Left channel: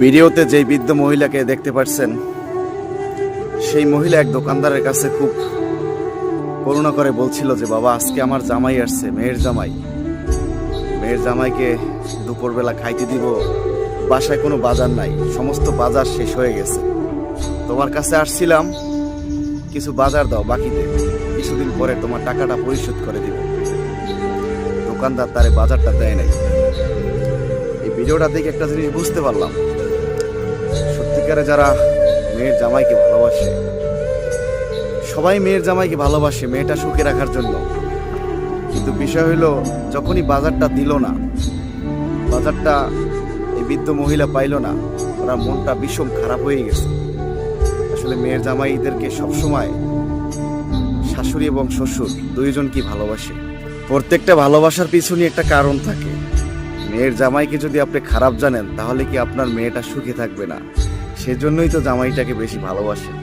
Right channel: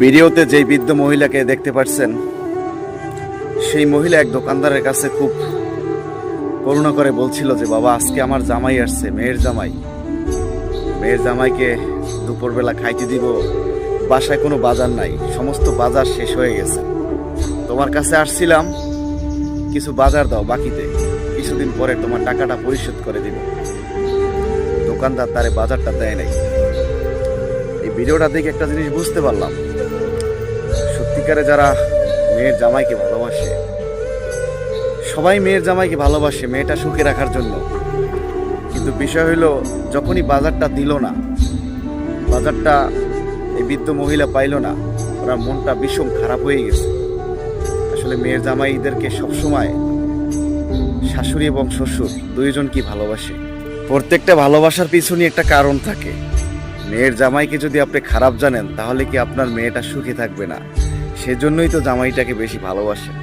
ভিডিওতে যেই বৃদ্ধ মহিলাকে দেখতে পাচ্ছেন, সেই মহিলা এক দোকানদারের কাছে খুব করুণা করে বলছিল যে, বাবা আজকে আমার জামাই আসছে, মেয়ের জামাইকে দুপুরবেলা খাইতে দিব, বাসায় কোনো বাজার নাই, সমস্ত বাজার শেষ হয়ে গেছে, তোমার কাছে আসছিলাম, কিছু বাজার দাও বাকিতে, কিছুদিন পরে তোমার টাকাটা পরিশোধ করে দিব। দোকানদার তারে বাজারটা দেয় নাই। এই ভিডিওটা দেখে একটা জিনিস বুঝতে পারলাম, সত্যিকারে যারা মেয়ের জামাইকে ভালোবাসে, সবাই মেয়ের জামাইকে ভালোবাসে মেয়েটা সুখে রাখার জন্য, কিন্তু বিষয় হইলো যখনই বাজারটা দিল না, বাজারটা এই বৃদ্ধ মহিলা পাইল না, ওরা মনটা ভীষণ খারাপ হয়ে গেছে। আসলে মেয়ের জামাইদেরকে সবসময় শাশুড়ি এবং শ্বশুর দুইজন কি ভালোবাসে, প্রত্যেকটা ভালোবাসার পিছনে একটা কারণ থাকে। মেয়ের জামাইকে যদি আপনি খারাপ জানেন, তাহলে কি আপনার মেয়েটা সুখে থাকবে না? সেজন্যই তো জামাইটাকে বেশি ভালোবাসেন।